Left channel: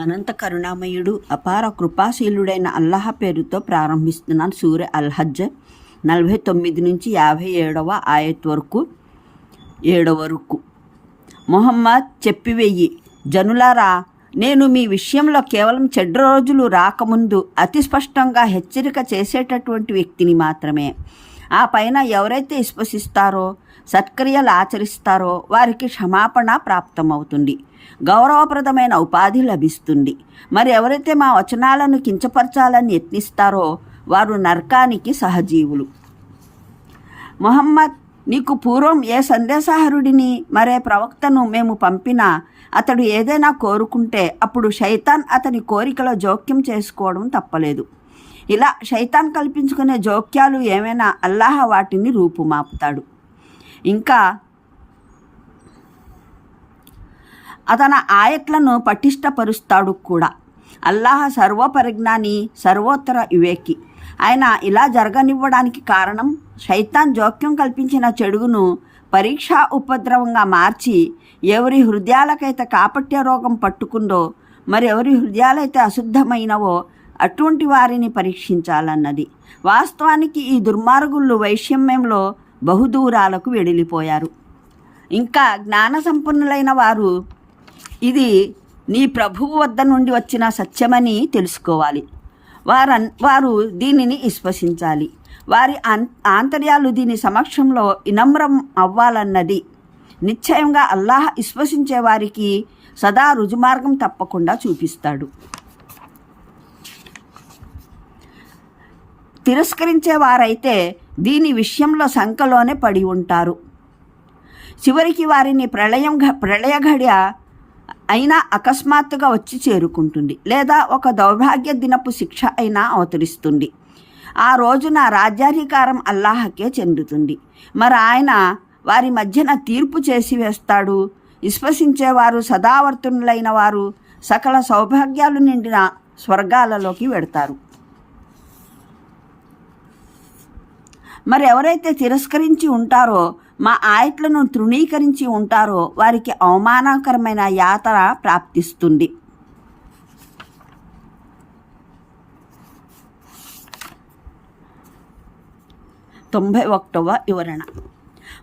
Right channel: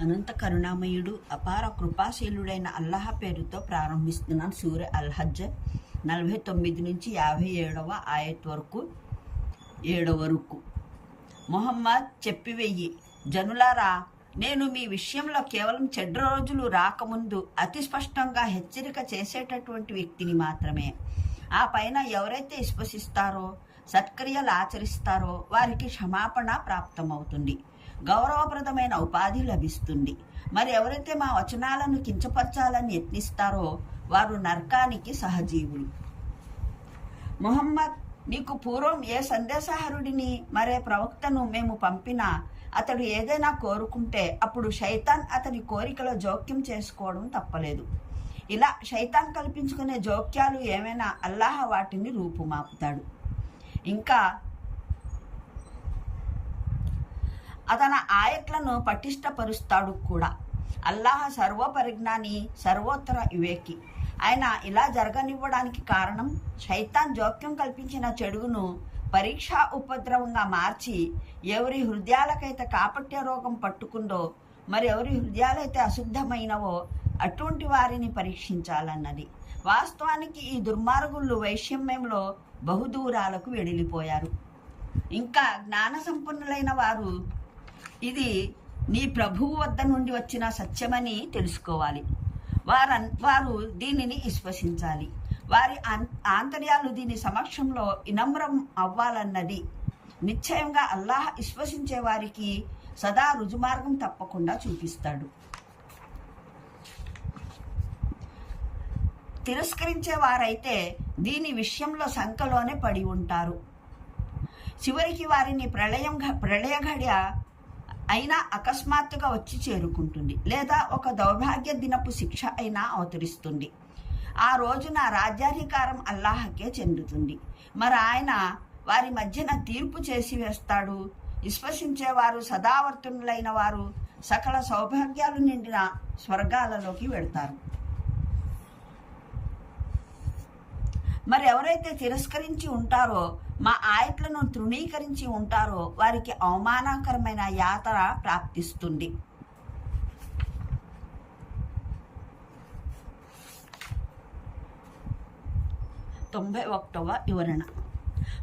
అనంత కరుణామయుడు అపార కృపాశీలుడైన అల్లాహ పేరుతో ప్రారంభిస్తున్నాను సూర్య అల్హజ్ నలభై తొమ్మిది నుంచి యాభై ఏడవ ఆయత్ వరకు ఏడవ వరకు మొహమ్మద్ చెప్పివెయ్యి జనులారా నేను మీ విషయంలో కేవలం చెడ్డ రోజులు రాకముందు అతి స్పష్టంగా హెచ్చరిక చేసేటటువంటి వ్యక్తిని మాత్రమే. ఆ పైన ఎవరైతే విశ్వసిస్తారో సత్క్రియలు ఆచరిస్తారో వారికి క్షమాపణ ప్రాప్తమవుతుంది. గౌరవప్రదమైన ఉపాధి లభిస్తుంది. మరి ఎవరైతే మా వచనాలను కించపరచాలని యత్నిస్తారో వారు నరకానికి సహజీవులు. మొహమ్మద్ నీకు పూర్వం ఏ సందేశహరుడిని మరే ప్రవక్తను మేము పంపినా అతడు ఏదైనా కోరుకుంటే అప్పుడు శైతాన్ అతని కోరికలో జోక్యం చేసుకోవడం తప్పలేదు. ఇలా శైతాన్ కల్పించుకునే జోక్యాలు ఏమైనా అల్లాహ వాటిని రూపుమాపుతాడు. ఇంకా అతన ఆయట్లను పటిష్టపరుస్తాడు కూడా. అల్లాహ సర్వపరిజ్ఞాని సర్వోత్తర వివేకి. ఆయన ఇలా జరగనివ్వడానికి కారణం శైతాన్ జోక్యం కల్పించిన చెడుగును పరీక్షా ఉపద్రవంగా మార్చి ఎవరి హృదయాలకైతే కాపట్య రోగం పట్టుకుందో మరి ఎవరి హృదయాలైతే అశుద్ధమైనవో అటువంటి వారిని పరీక్షించాలన్నది. వాస్తవానికి ఈ దుర్మార్గులు వైషమ్యంలో బహుదూరాలకు వెడిలిపోయారు. ఇంకా జ్ఞాన సంపన్నులైన వారు ఇది నీ ప్రభువు వద్ద నుండి వచ్చిన సత్యమని తెలుసుకోవాలి. వారన్ వారు దీనిని విశ్వసించాలి. వారి ఆంతర్యాలు దీని సమక్షంలో వినమ్రం అవ్వాలన్నది. నిశ్చయంగా అల్లాహ్ విశ్వసించే వారికి సదా రుజుమార్గం తప్పకుండా చూపిస్తాడు. తిరస్కరించే వారైతే దీని విషయంలో శంకలోనే పడి ఉంటారు. చివరికి వారిని ప్రళయం ఘ- ప్రళయ ఘడియ అయినా అకస్మాత్తుగా వచ్చి చేరుకుంటుంది లేదా ఒక దౌర్భాగ్య దినపు శిక్ష అయినా అవతరిస్తుంది. ఆ రోజున రాజ్యాధికారం అల్లాహకే చెందుతుంది. మరి ఆయన వారి మధ్యన తీర్పు చేసి వేస్తాడు. విశ్వసించేవారు సదావర్తనులైన వారు సకల సౌభాగ్యాలు నిండిన స్వర్గాలలోకి వెడతారు. మరి ఎవరైతే తిరస్కరించి ఉంటారో మా ఆయట్లను తృణీకరించి ఉంటారో వారికి అవమానకరమైన యాతన ప్రాప్తిస్తుంది. తొంభై ఒకటవ వివరణ.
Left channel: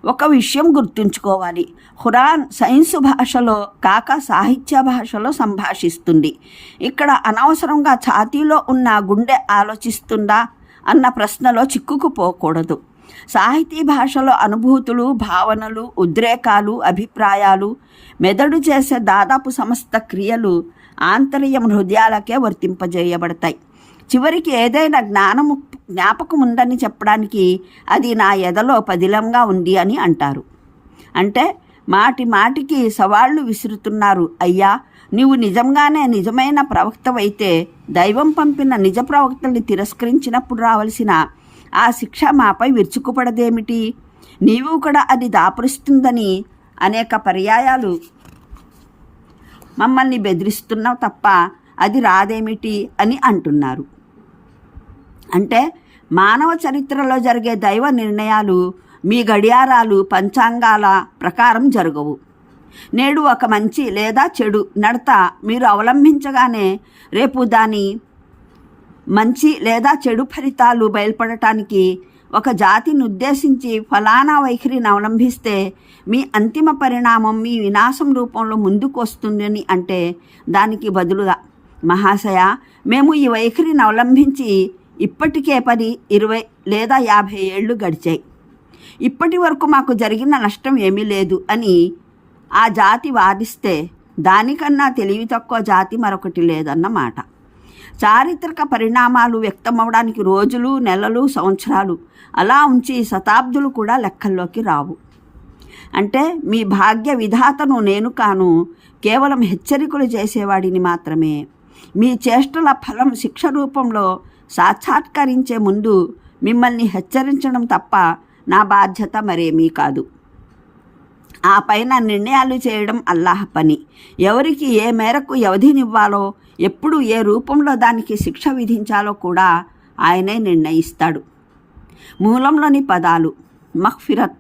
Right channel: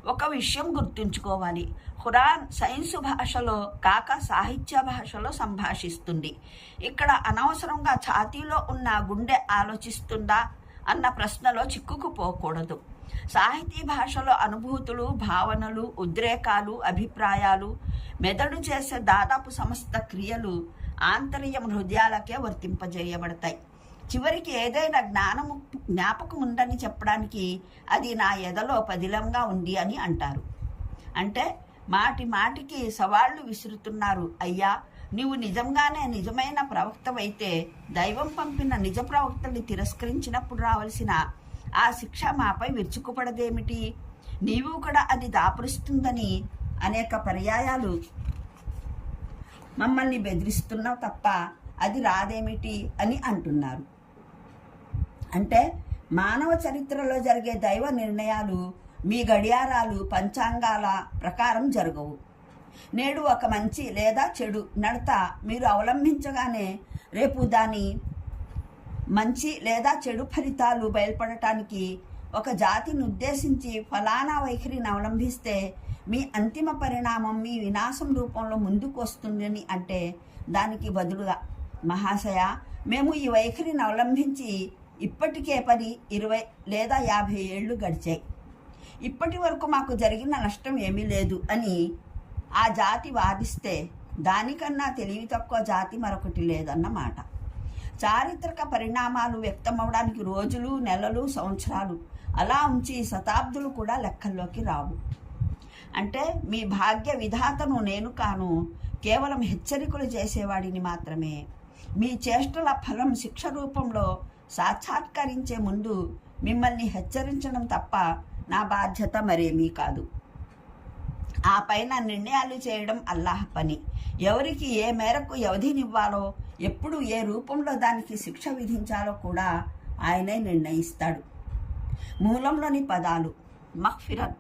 ఒక విషయం గుర్తుంచుకోవాలి. హురాన్ సైన్స్ భాషలో కాక సాహిత్య భాషలో సంభాషిస్తుంది. ఇక్కడ అనవసరంగా ఛాతీలో ఉన్న గుండె ఆలోచిస్తుందా అన్న ప్రశ్నలో చిక్కుకుపోకూడదు. సాహితీ భాషలో అనుభూతులు భావనలు ఉద్రేకాలు అభిప్రాయాలు మెదడు చేసే దాదాపు సమస్త క్రియలు ఆంతర్యం హృదయాలకే వర్తింపజేయబడతాయి. చివరికి ఏదైనా జ్ఞానము జ్ఞాపకం ఉందని చెప్పడానికి అది నా ఎదలో పదిలంగా ఉంది అని అంటారు. అంటే మాటి మాటికి సవాళ్ళు విసురుతున్నారు. అయ్యా నీవు నిజంగానే నిజమైన ప్రవక్తవైతే దైవం పంపిన నిజ ప్రవక్తల్ని తిరస్కరించినప్పుడు రావలసిన ఆ శిక్ష మాపై విరుచుకుపడదేమిటి? నీవు కూడా అది దాపురిస్తుందని అనేక పర్యాయాలు. మమ్మల్ని బెదిరిస్తున్నావు తప్ప అది రాదేమిటి అని అంటున్నారు. అంటే మానవ చరిత్రలో జరిగే దైవ నిర్ణయాలు మీ గడియారాలు పంచాంగాల ప్రకారం జరగవు. నేడు ఒక మంచి లేదా చెడు నడత మీరు అవలంబించగానే రేపు దాని మంచి లేదా చెడు ఫలితాలు బయలుపడటానికి ఒక జాతిని ఉద్దేశించి ఫలానా వైఖరిని అవలంబిస్తే మీ అంతిమ పరిణామం మీ వినాశం రూపంలో ముందుకు వస్తుందని అంటే దానికి బదులుగా మహాశయ మేము ఈ వైఖరిని అవలంబించి ఇప్పటికే పది ఇరవై లేదా యాభై ఏళ్ళు గడిచాయి. ఇప్పటి వరకు మాకు జరిగిన నష్టం ఏమీ లేదు అని ఆ జాతి వాదిస్తే దానికన్నా తెలివి తక్కువ జాతి మరొకటి లేదన్నమాట. చారిత్రక పరిణామాలు వ్యక్తమవడానికి రోజులు నెలలు సంవత్సరాలు అలా ఉంచి శతాబ్దులు కూడా లెక్కల్లోకి రావు. అంటే మీ భాగ్య విధాతను నేను కాను కేవలం హెచ్చరికలు చేసేవాడిని మాత్రమే. మీ చేష్టల ఫలం శిక్ష రూపంలో సాక్షాత్కరించే ముందు మిమ్మల్ని హెచ్చరించడం తప్ప నా బాధ్యత మరేమీ కాదు. ఆ పైన నిర్ణయాలు చేయడం అల్లాహ్ పని. ఎవరికి ఏ మేరకు వ్యవధినివ్వాలో ఎప్పుడు ఏ రూపంలో దానికి శిక్ష విధించాలో కూడా ఆయనే నిర్ణయిస్తాడు. మూలంలోని పదాలు మహ్ఫిరత్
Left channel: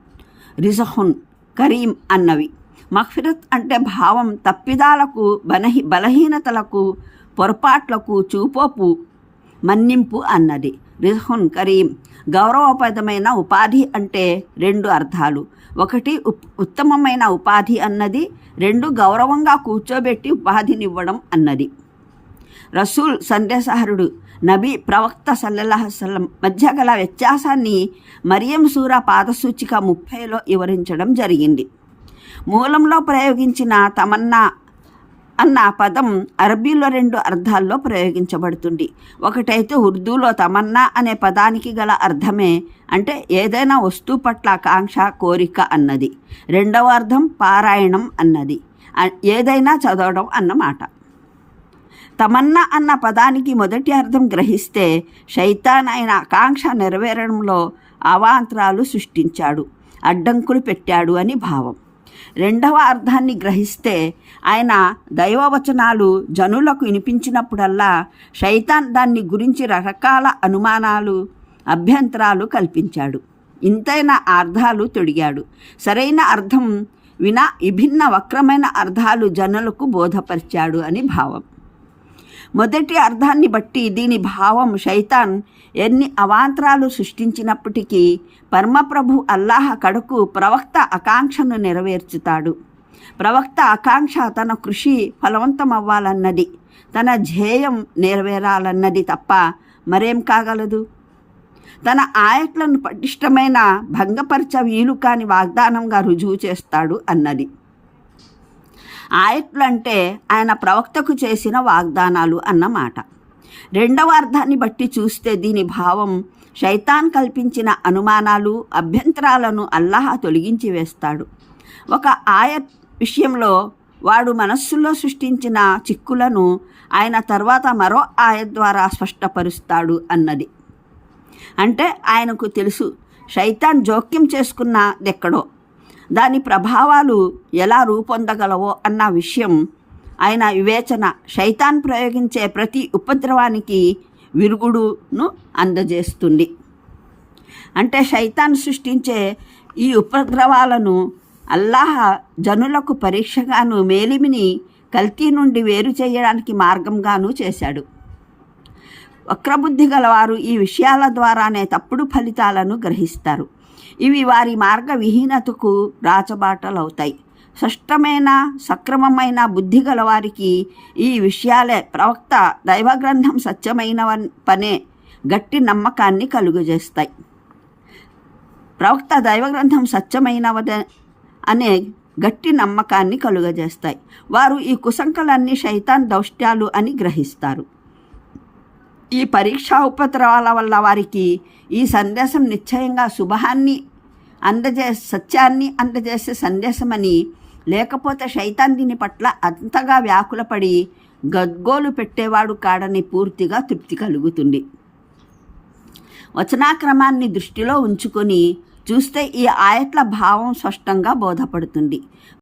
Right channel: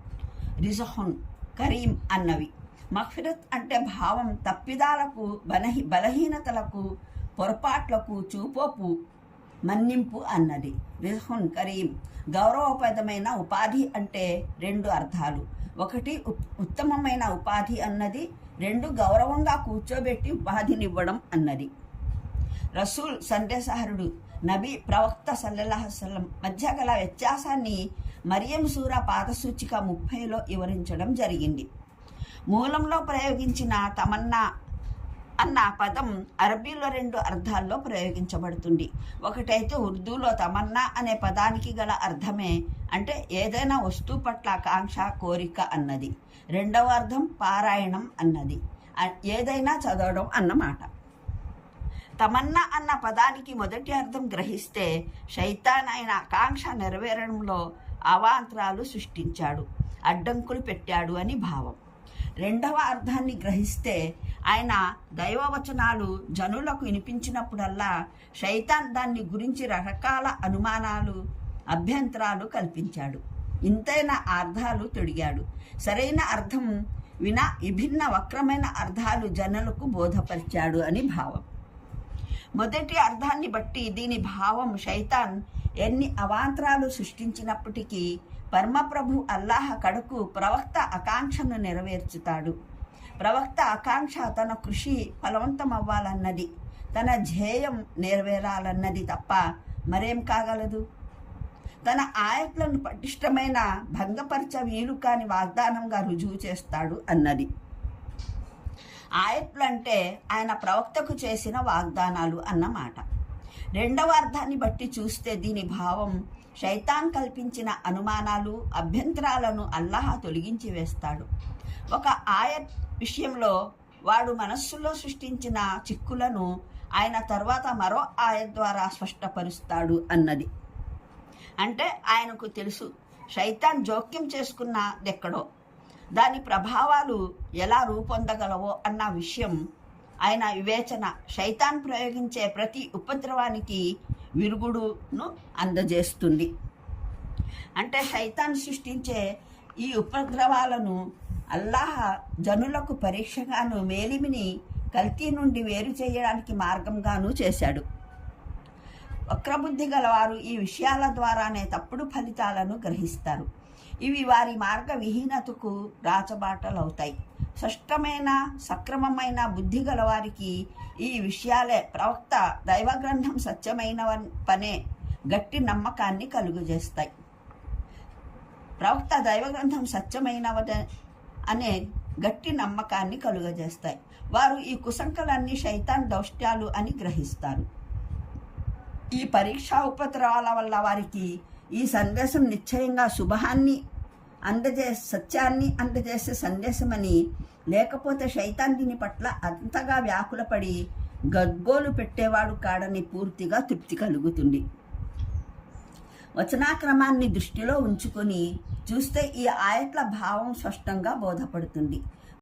రిజహున్ కరీం అన్నవి. మహ్ఫిరత్ అంటే భావం తప్పిదాలకు బలహీ బలహీనతలకు పొరపాట్లకు చూపోపు మన్నింపు అన్నది. రిజహున్ కరీం గౌరవపదమైన ఉపాధి అంటే రెండు అర్థాలు. ఒకటి ఉప్- ఉత్తమమైన ఉపాధి అన్నది రెండు గౌరవంగా కూర్చోబెట్టి ఉపాధినివ్వడం అన్నది. రసూల్ సందేశహరుడు నబీ ప్రవక్త సల్లల్లాహసల్లం మధ్య గల వ్యత్యాసాన్ని మరియం సూర పాదసూచిక ముప్పైలో వివరించడం జరిగింది. మూలంలో ప్రయోగించిన తమన్నా అన్న పదం అరబీలో రెండు అర్థాల్లో ప్రయోగించబడుతుంది. ఒకటైతే ఉర్దూలో తమన్నా అనే పదానికి గల అర్థమే అంటే ఏదైనా వస్తువు పట్ల ఆకాంక్ష కోరిక అన్నది. రెండవ అర్థం పారాయణం అన్నది. ఏదైనా చదవడం అన్నమాట తమన్నా అన్న పదానికి మొదటి అర్థం గ్రహిస్తే శైతాన్ అయిన ఆకాంక్ష నెరవేరడంలో అవాంతరాలు సృష్టించాడు అడ్డంకులు పెట్టాడు అని భావం. రెండవ అర్థాన్ని గ్రహిస్తే ఆయన దైవవచనాలు జనులకు వినిపించినప్పుడల్లా శైతాన్ దాన్ని గురించి రకరకాల అనుమానాలు అభ్యంతరాలు కల్పించాడు. ఇంతైన అర్థాలు తొడిగాడు. సరైన అర్థం వినా విభిన్న వక్రమైన అర్థాలు జనులకు బోధపరిచాడు అని భావం. మొదటి అర్థాన్ని బట్టి దీని భావం శైతాన్ ఎన్ని అవాంతరాలు సృష్టించినప్పటికీ పరమప్రభు అల్లాహ కడకు ప్రవక్త ఆకాంక్షను నెరవేర్చుతాడు. ప్రవక్త ఆకాంక్ష తన కృషి ఫలవంతమవ్వాలన్నది తన ధ్యేయం నెరవేరాలన్నది తప్ప మరేం కాగలదు? తన ఆయట్లను పటిష్టమైన భంగపరచ వీలు కాని వాగ్దానంగా రుజువు చేస్తాడు అన్నది. ఆయట్లు అంటే ఆయన ప్రవక్తకు చేసిన వాగ్దానాలు అన్నమాట. రెండవ అర్థాన్ని బట్టి చూస్తే దీని భావం శైతాన్ కల్పించిన అనుమానాలు అభ్యంతరాలను అల్లాహ తొలగించి వేస్తాడు. ఒక ఆయత్ విషయంలో వాడు మనస్సులో సృష్టించిన చిక్కులను ఆయన తర్వాత మరో ఆయత్ ద్వారా స్పష్టపరుస్తాడు అన్నది. అంటే ఆయనకు తెలుసు శైతాన్ జోక్యం చేసుకున్నదెక్కడో. దాని ప్రభావాలు ఎలా రూపొందగలవో అన్న విషయం ఆయన వివేచన. శైతాన్ ప్రయోగించే ప్రతి ఉపద్రవానికి విరుగుడును అందజేస్తుంది. అంటే శైతాన్ సృష్టించే ఈ ఉపద్రవాలను అల్లాహ జనులకు పరీక్షగాను మేలిమిని కల్తీ నుండి వేరు చేయడానికి మార్గంగాను చేశాడు. వక్రబుద్ధి గలవారు ఈ విషయాల ద్వారానే తప్పుడు ఫలితాలను గ్రహిస్తారు. ఇవి వారి మార్గ విహీనతకు రాచబాటలవుతాయి. స్పష్టమైన సక్రమమైన బుద్ధి గలవారికి ఈ విషయాలే ప్రవక్త దైవగ్రంథం సత్యమైన పనే గట్టి నమ్మకాన్ని కలుగజేస్తాయి. ప్రవక్త దైవగ్రంథం సత్యమైనవద అనే గట్టి నమ్మకాన్ని కలుగజేస్తాయి. వారు ఈ కుసంకలన్నీ శైతాన్ దౌష్ట్యాలు అని గ్రహిస్తారు. ఈ పరీక్షా ఉపద్రవాల వల్ల వారికి ఈ సందేశం నిశ్చయంగా శుభాన్ని అందజే సత్యాన్ని అందజేసే సందేశమని లేకపోతే శైతాన్ దీని పట్ల అంతగా వ్యాకులపడి గద్గోలు పెట్టేవాడు కాడని పూర్తిగా తృప్తి కలుగుతుంది. వచనాక్రమాన్ని దృష్టిలో ఉంచుకొని చూస్తే ఈ ఆయట్ల భావం స్పష్టంగా బోధపడుతుంది.